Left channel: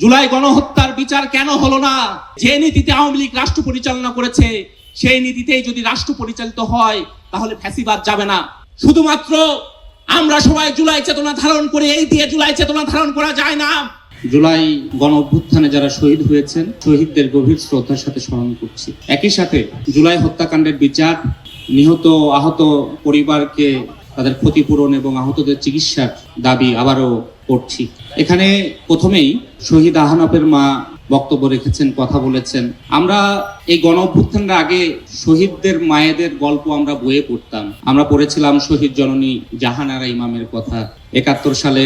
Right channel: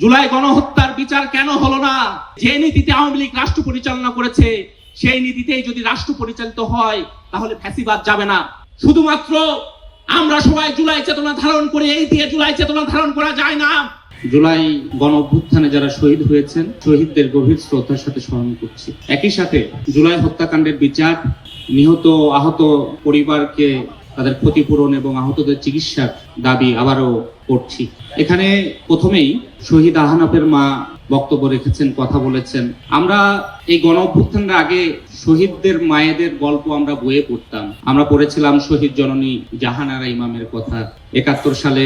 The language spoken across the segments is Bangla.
জুলাই গণহত্যার বিচার কেন হলো না? যে নীতিতে আওয়ামী লীগ রাষ্ট্র পরিচালনা করেছে সেই নীতিতেই যদি রাষ্ট্র পরিচালিত হয় তাহলে ফ্যাসিবাদ যাবে না। শুধুমাত্র আমরা সবাই জুলাই চেতনা ধারণ করে এই দিয়ে জুলাই চেতনা ধারণ করা যায় না। জুলাই গণ অভ্যুত্থানে যারা শহীদ হয়েছেন শহীদদের গভীর শ্রদ্ধার সাথে স্মরণ করছি। একই সাথে জুলাই হত্যাকাণ্ডের বিচার, নিহত আহত পরিবারকে তাদের ক্ষতিপূরণ এবং আহতদের চিকিৎসার দাবি আবারও করছি। এখানে প্রথমেই শহীদ আহনাফের মা বক্তব্য রেখেছেন, কথা বলেছেন। আমরা এই গণ অভ্যুত্থানের আগে শহীদদের মায়েদের গল্প আমরা বইয়ে পড়তাম। আমরা পড়েছিলাম শহীদ জননী জাহানারা ইমামের কথা। ৭১ সালে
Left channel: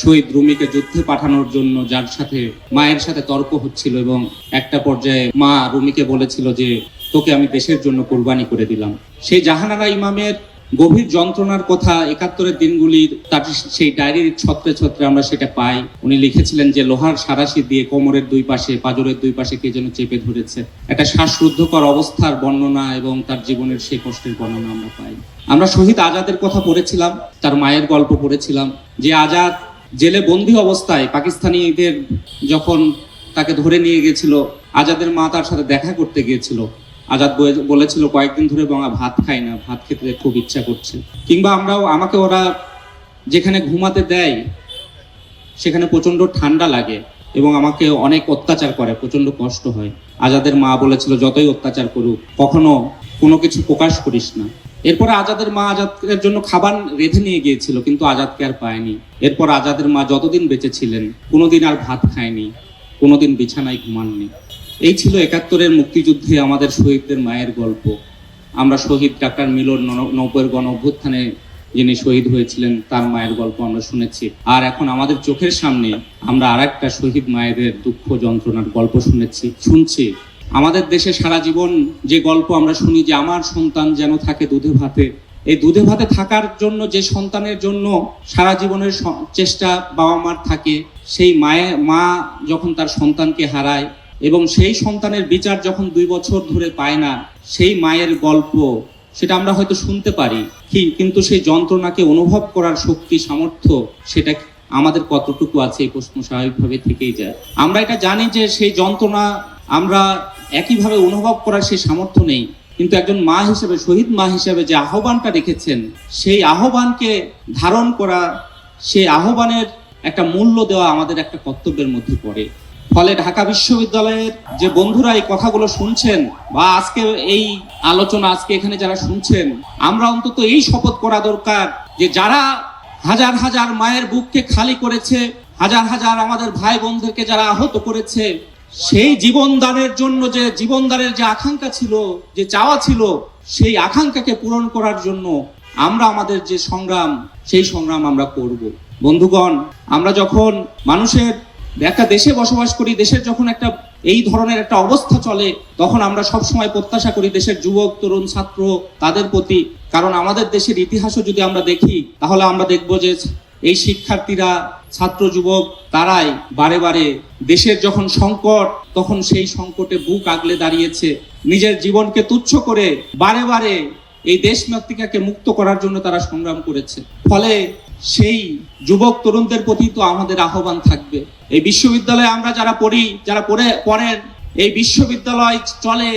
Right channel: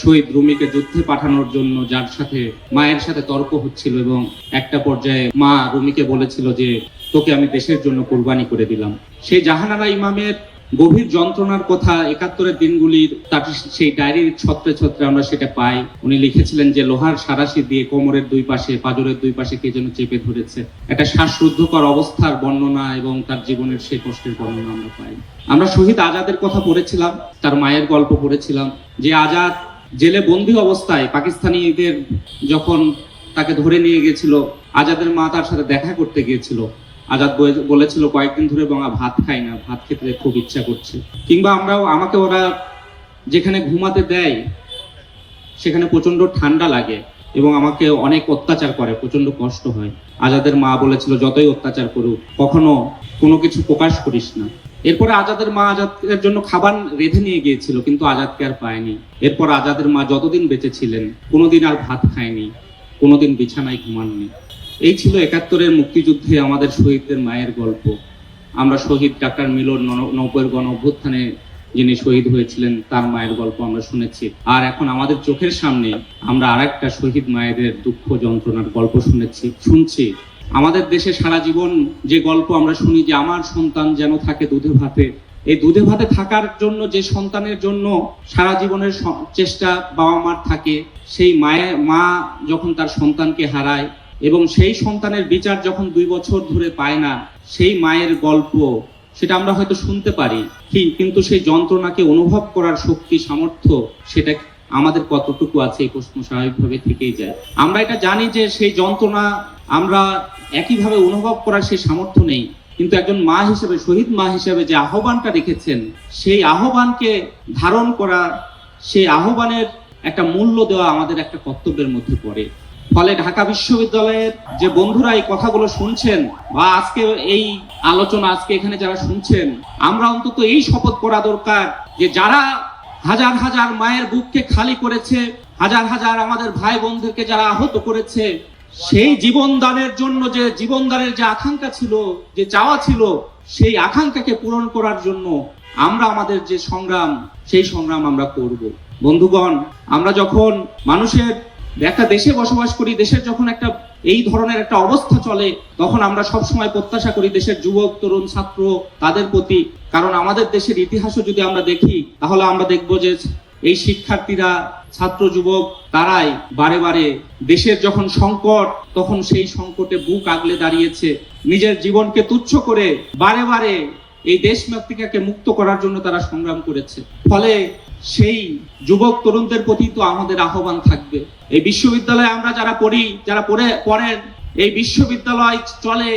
শহীদ রুমিকে যুদ্ধে পাঠানোর জন্য যার সাথে মায়ের সাথে তর্ক হচ্ছিল এবং একটা পর্যায়ে মা রুমিকে বলেছিল যে তোকে আমি দেশের জন্য কোরবানি করে দিলাম। সেই জাহানারা ইমামের গভীর যন্ত্রণার কথা ৭১-এর দিনগুলির তার সেই ডায়েরির ছত্রে ছত্রে আমরা সেটা পাই। উনি লিখেছিলেন যে লোহার সারাশি দিয়ে কোমরের দুই পাশে, পাঁজরের দুই পাশে কে যেন চেপে ধরেছে। একটা শ্বাসরুদ্ধকর অবস্থার বর্ণনা এবং তার জীবনের সেই কষ্টের বর্ণনা আমরা পাই। আমরা শহীদ আজাদের কথা পড়েছিলাম, তার মায়ের গল্প পড়েছিলাম, যে আজাদ জেলে বন্দী অবস্থায় পাকিস্তানিদের যখন তাকে ধরে নিয়ে গেছিল, আজাদের মা তার সাথে দেখা করতে গিয়েছিল। আজাদ বলেছিল কয়েকদিন ধরে বাবা ভাত খাই না, ভাত খেতে খুব ইচ্ছা করছে। কিংবা আমাকে ওরা যেখানে ঘুমাতে দেয় সেখানে প্রচন্ড ঠান্ডা লাগে এবং আমাকে অনেক অত্যাচার করে, প্রচন্ড কষ্ট হয়। আজাদের মা বলেছিল যতই অত্যাচার করুক কখনো কোনো কিছু প্রকাশ করিস না। এরপরে আজাদের মা আজাদের জন্য খাবার রেঁধে নিয়ে গিয়েছিল, কিন্তু আজাদকে আর পায়নি। এরপর আজাদের মা যতদিন বেঁচে ছিলেন কোনোদিন আর ভাত খায়নি, কোনোদিন বিছানায় ঘুমাননি। এই ছিল ৭১-এর মুক্তিযুদ্ধে আমাদের শহীদদের মায়ের গল্প। আমরা শহীদ ডাক্তার মিলন ৯০-এর গণ অভ্যুত্থানে যিনি শহীদ হয়েছিলেন তার মায়ের গল্প আমরা শুনেছি। আর এখন আমাদের চোখের সামনে আমরা আরেকটা শহীদ মায়েদের দুঃখ যন্ত্রণার গল্প শুনছি। আমাদের দেশে সারা জীবন যে গল্প আমরা শুনি যে আমার সন্তান যেন থাকে দুধে ভাতে, এই দুধে ভাতে থাকার জন্য যে সন্তানের জন্য সারা জীবনের চেষ্টা বাবা মার থাকে, সেই মা যখন তার সন্তানকে হারায় এবং সেই সন্তানের বিচার যখন ২ বছর ধরে পায় না, সেই মায়ের গল্প সেটা আমরা হয়তো শুনতে পারি, কিন্তু সেই যন্ত্রণাকে অনুভব করার শক্তি সামর্থ্য সেটা আমাদের কতটুকু আছে এই প্রশ্ন স্বাভাবিকভাবে থেকেই যায়। আমরা এটা জানি যে সেই যন্ত্রণা আমরা একইভাবে অনুভব করার সেই সামর্থ্য নেই, কিন্তু একজন মা হিসেবে, শহীদ মা হিসেবে যে আহ্বানটা রেখেছেন সেই আহ্বানকে ধারণ করা, সেই আহ্বানের একটা মূল্য দেওয়া আমাদের একটা কর্তব্যের মধ্যে পড়ে। ফলে ঢাকা বিশ্ববিদ্যালয়ের যে বন্ধুরা এই কথাগুলো শুনছেন বা আজকে এই আলোচনা আজকে এখানে যারা শুনছেন, আমরা অন্তত এই শপথ করা দরকার যে যারা হাজার হাজার মায়ের বুককে খালি করেছে, হাজার হাজার আমাদের ভাই বোনদেরকে যারা আহত করেছে, সেই জীবনদানের জন্য যে জীবনদানের যে আকাঙ্ক্ষা ছিল, যে চাওয়া ছিল, সেই আকাঙ্ক্ষাকে পূরণ করার জন্য আমরা আমাদের যে সংগ্রাম, সেই সংগ্রাম আমরা করব। বন্ধুগণ, আমরা যখন মানুষের একটা দেশে বসবাস করি, দেশের যখন একটা এই ধরনের একটা অবস্থা চলে, তখন আমরা সবসময় প্রত্যাশা করি দেশের যুবক, তরুণ, ছাত্র তাদের প্রতি। কারণ আমাদের দেশের ইতিহাসও যদি আমরা দেখি তাহলে আমরা দেখব যে এই শিক্ষার্থীরা, ছাত্র যুবক তারাই বারে বারে দেশের যখন সংকট তখন সেই সংকটে বুক আগলে দাঁড়িয়েছে, নিজের জীবনকে তুচ্ছ করে বারে বারে এই দেশ মাতৃকাকে মুক্ত করার জন্য তারা সংগ্রাম করেছে। ফলে সেই যুবক তরুণদের প্রতি তো আমাদের আহ্বান থাকবে। এই বিশ্ববিদ্যালয়ে আমরা যারা পড়েন, এই বিশ্ববিদ্যালয় চলে,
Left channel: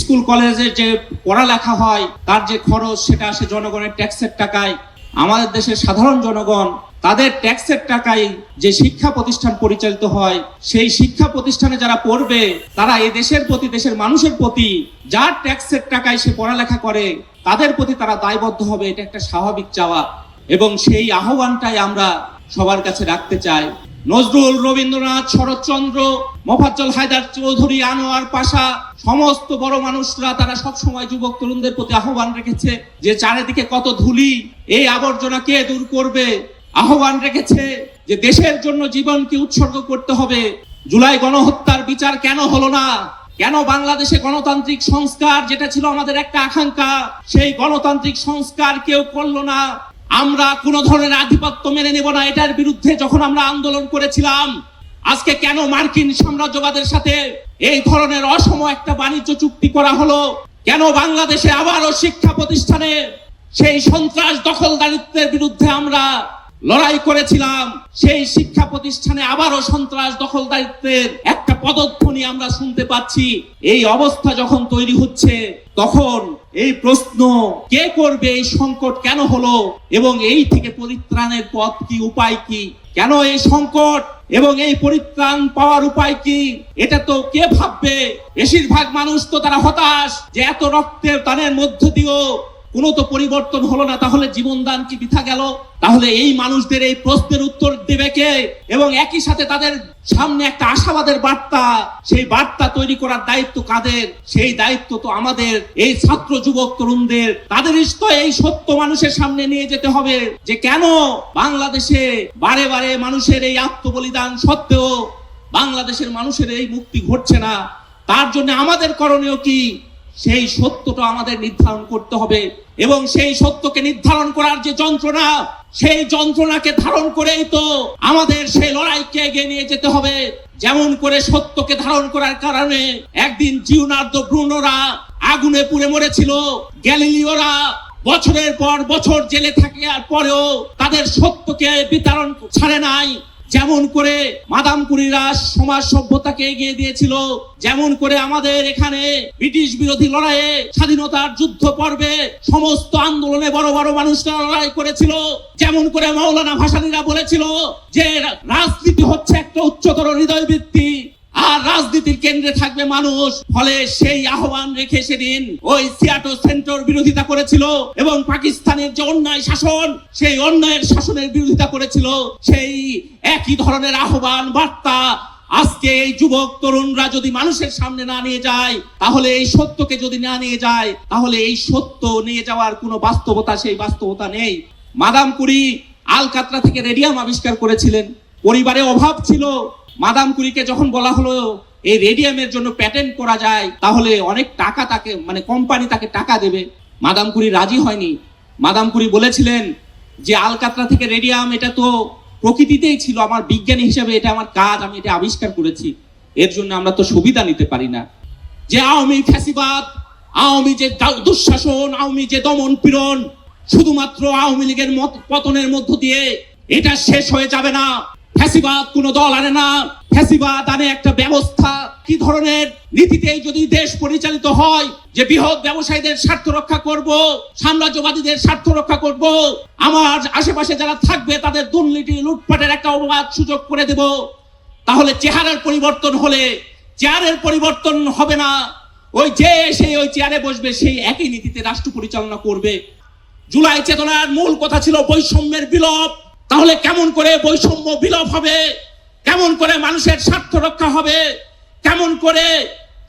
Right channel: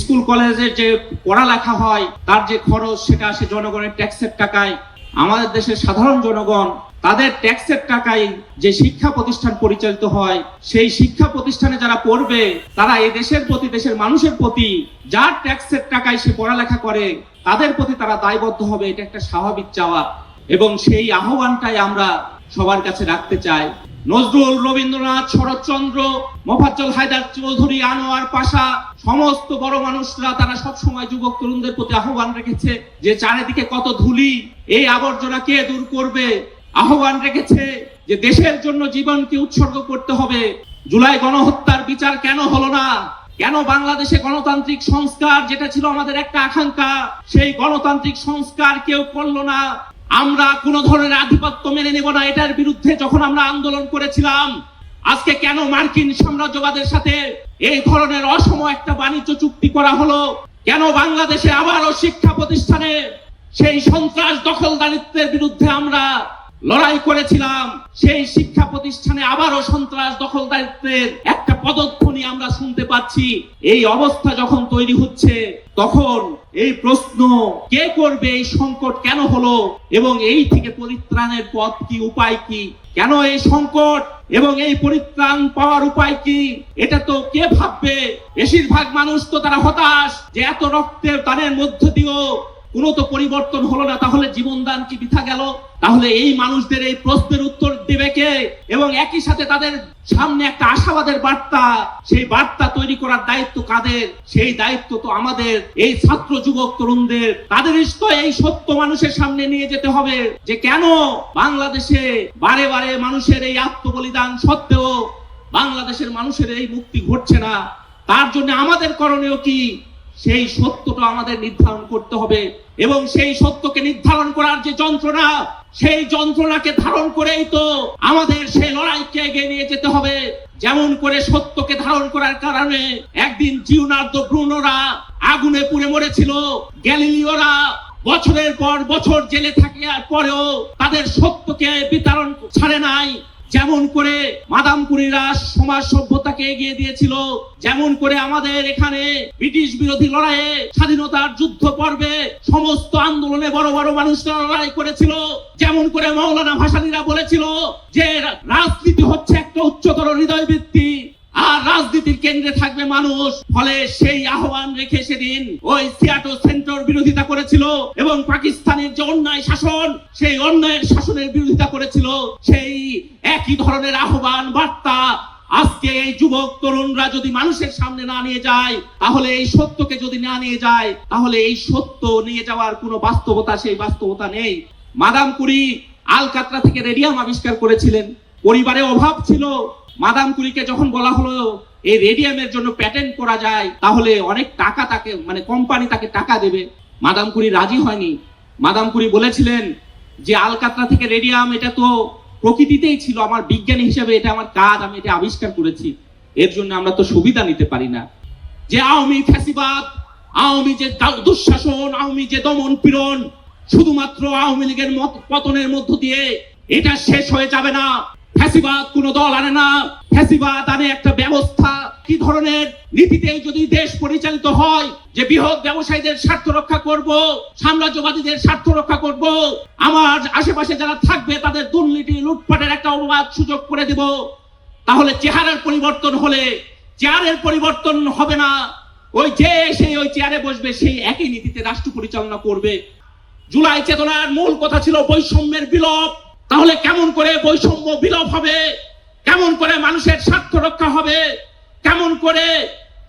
স্কুল কলেজের যে পড়ালেখা হয় তার যে খরচ সেটা আসে জনগণের ট্যাক্সের টাকায়। আমাদের দেশের সাধারণ জনগণ তাদের ট্যাক্সের টাকায় যে শিক্ষা প্রতিষ্ঠান পরিচালিত হয়, সেই শিক্ষা প্রতিষ্ঠানে যারা পড়বে তারা এই দেশের প্রতি, দেশের মানুষের প্রতি, যার ট্যাক্সের টাকায় সে পড়ালেখা করে তাদের প্রতি তারা দায়বদ্ধ হবে। এটা একটা স্বাভাবিক চাওয়া এবং সেই আহ্বানটাই আমরা সবার কাছে রাখতে চাই। নজরুল, রবীন্দ্রনাথ, শরৎচন্দ্র, মোফাজ্জল হায়দার চৌধুরী, আনোয়ার পাশা, সমস্ত বড় মানুষরা তারা সবসময় যুবক তরুণদের প্রতি আহ্বান রেখেছে যে চারিদিকে কত ধুলি, এই আবর্জনা কে দূর করবে। আহ্বান রেখেছে যে দেশের জন্য জীবনকে উৎসর্গ করতে হবে। জুলাই গণহত্যার বিচার কেন হলো না? কেন বাংলাদেশে গণতান্ত্রিক সংস্কার যেটা ছিল আমাদের একটা আকাঙ্ক্ষা, সেই গণতান্ত্রিক সংস্কার কেউ করলো না? আমরা কোন ধরনের আধিপত্য মেনে নেব না, এটার বিরুদ্ধে যখন আমরা আন্দোলন করেছিলাম, আজকে কেন মার্কিন সাম্রাজ্যবাদের সাথে এই ধরনের অসম একটা বাণিজ্য চুক্তি করা হলো? কেন বাংলাদেশে আবারও শিক্ষা প্রতিষ্ঠানে সেই সন্ত্রাস দখলদারিত্বের বিরুদ্ধে আমরা লড়াই করেছিলাম, সেই শিক্ষা প্রতিষ্ঠানে আবারও সন্ত্রাস দখলদারিত্বের একটা পদধ্বনি আমরা শুনতে পাচ্ছি। এই অবস্থা যখন তৈরি হচ্ছে, তখন এই প্রশ্ন, কে করবে, এই সংকট কেন হলো এবং এই থেকে পরিত্রাণের পথ কি, উপায় কি, কেন এই সংকট এবং এই পরিত্রাণ পাওয়ার উপায় কি, এটা তো কে ভাববে? বেশিরভাগ মানুষ তো তারা হতাশ যে এত রক্তের দানের মধ্য দিয়েও কোনো তো পরিবর্তন হলো না, তাহলে জীবনদান কি বৃথা গেল? তাহলে এই মানুষদের এই প্রশ্নের উত্তর দেবে কে? এবং একই সাথে তাদের সামনে একটা আশাবাদের বার্তা, সেই বার্তা তৈরি করার দায়িত্ব কাদের? সেই দায়িত্ব তো আমাদের, এই ছাত্র যুবক তরুণদের। তাদের তো এই সত্য মানুষের সামনে নিয়ে যেতে হবে যে কেন বাংলাদেশে বারে বারে মানুষের এই আত্মবলিদান সত্ত্বেও বাংলাদেশের মানুষের এই মুক্তি ঘটছে না। তার জন্য আমাদের করণীয় কি, সেই সত্যটা আমাদের নির্ধারণ করতে হবে। এবং সেই সত্যকে নির্ধারণ করার যে যন্ত্রণা, সেই যন্ত্রণাকে ধারণ করেই তো আমাদের সেই লড়াইকে এগিয়ে নিয়ে যেতে হবে। যেমন করে সত্যকে ধারণ করার কারণে একদিন জিওনার্দো ব্রুনোরা আগুনে পুড়ে মরেছিল, গ্যালিলিওরা বছরের পর বছর জেলে থাকার পরেও তাদের সত্যকে বিতরণ ছাড়ে নাই। যেমন করে মাদাম কুরিরা সমাজ সভ্যতাকে এগিয়ে দিয়েছিল, যেমন করে আমাদের এখানে ব্রিটিশ বিরোধী লড়াইয়ে, স্বাধীনতার যুদ্ধ পর্বে সমস্ত আন্দোলনে বড় বড় মানুষরা লড়াই করেছিল, যেমন করে মাওলানা ভাসানীরা বলেছিল যে রাজনীতি হচ্ছে একটা উচ্চতর হৃদয় বৃত্তি আর রাজনীতির কেন্দ্রে থাকবে মানুষ। ফলে সেই আহ্বান রেখে সেদিন ওই সিয়াটো সেন্টার বিরোধিতা করেছিল এবং পাকিস্তানের যে অন্যায় শাসন, সেই অন্যায়ের শাসনের বিরোধিতা করেছিল। সেই একই ধরনের আহ্বান বার্তা আজকে এই যুবক তরুণরা যদি মানুষের সামনে না নিয়ে যায়, তাহলে এই সত্যকে যদি না নিয়ে যায়, তাহলে এই সত্য নিয়ে যাওয়ার কোনো বাস্তবতা, সেই বাস্তবতা নেই। মাদাম কুরি আলকাতরা থেকে রেডিয়াম আবিষ্কার করেছিলেন। পরিবারে অভাব ছিল। মাদাম কুরিকে যখন বলা হলো এই রেডিয়ামের জন্য প্যাটেন্ট করা যায়, তাহলে অনেক টাকা তাকে, মানে কোম্পানি তাকে টাকা দেবে, মাদাম কুরি রাজি হয়নি। মাদাম কুরি বলেছিলেন যে আলকাতরা থেকে রেডিয়াম, এটা তো প্রকৃতিতেই ছিল, আমার বিজ্ঞানী হিসেবে এটা আমার কাজ, আমি এটা আবিষ্কার করেছি, এর জন্য আমরা তো সুবিধা নিতে পারি না। যে আওয়ামী ফ্যাসিবাদ, আওয়ামী যে দুঃশাসন, আওয়ামী যে দমন পীড়ন, শুধুমাত্র আওয়ামী লীগের পতনের মধ্য দিয়ে এটা শেষ হয়ে যাবে না। ফ্যাসিবাদ কোনো দল আনে না, ফ্যাসিবাদ আনে একটা ব্যবস্থা। কি ধরনের নীতিতে যদি দেশ পরিচালিত হয় যে বৃহৎ ব্যবসায়ীদের স্বার্থ রক্ষা করব, সাম্রাজ্যবাদীদের স্বার্থ রক্ষা করব, আমার আশেপাশে যারা থাকবে তাদের দুর্নীতি লুটপাটের একটা অবাধ সুযোগ করে দেব, তাহলে চেহারার পরিবর্তন হলে চেয়ারের পরিবর্তন হবে না। ওই যে সেই ওই চেয়ারে বসবে, সেই একই নীতিতে রাষ্ট্র পরিচালনা করবে। জুলাই চেতনার মূল কথা ছিল বৈষম্যের বিলোপ। তাহলে কেমন করে বৈষম্য বিলোপ হবে? কেমন করে মানুষের স্বার্থ রক্ষা হবে? কেমন করে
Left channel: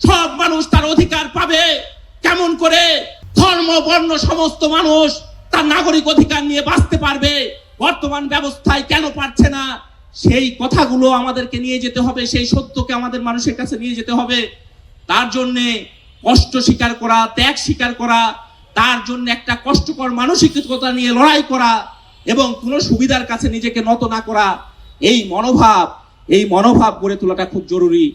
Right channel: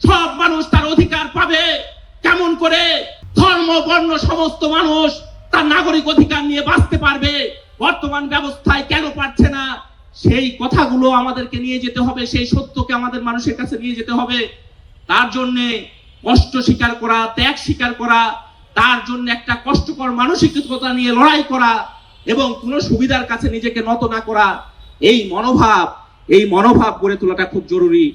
সব মানুষ তার অধিকার পাবে? কেমন করে ধর্ম বর্ণ সমস্ত মানুষ তার নাগরিক অধিকার নিয়ে বাঁচতে পারবে? বর্তমান ব্যবস্থায় কেন পারছে না? সেই কথাগুলো আমাদেরকে নিয়ে যেতে হবে, সেই সত্যকে আমাদের মানুষের কাছে নিয়ে যেতে হবে। তার জন্য কষ্ট স্বীকার করা, ত্যাগ স্বীকার করা, তার জন্য একটা কষ্টকর মানসিকতা নিয়ে লড়াই করা এবং কোনো সুবিধার কাছে নিজেকে নত না করা, এই মনোভাব গড়ে তোলাটা খুব জরুরি।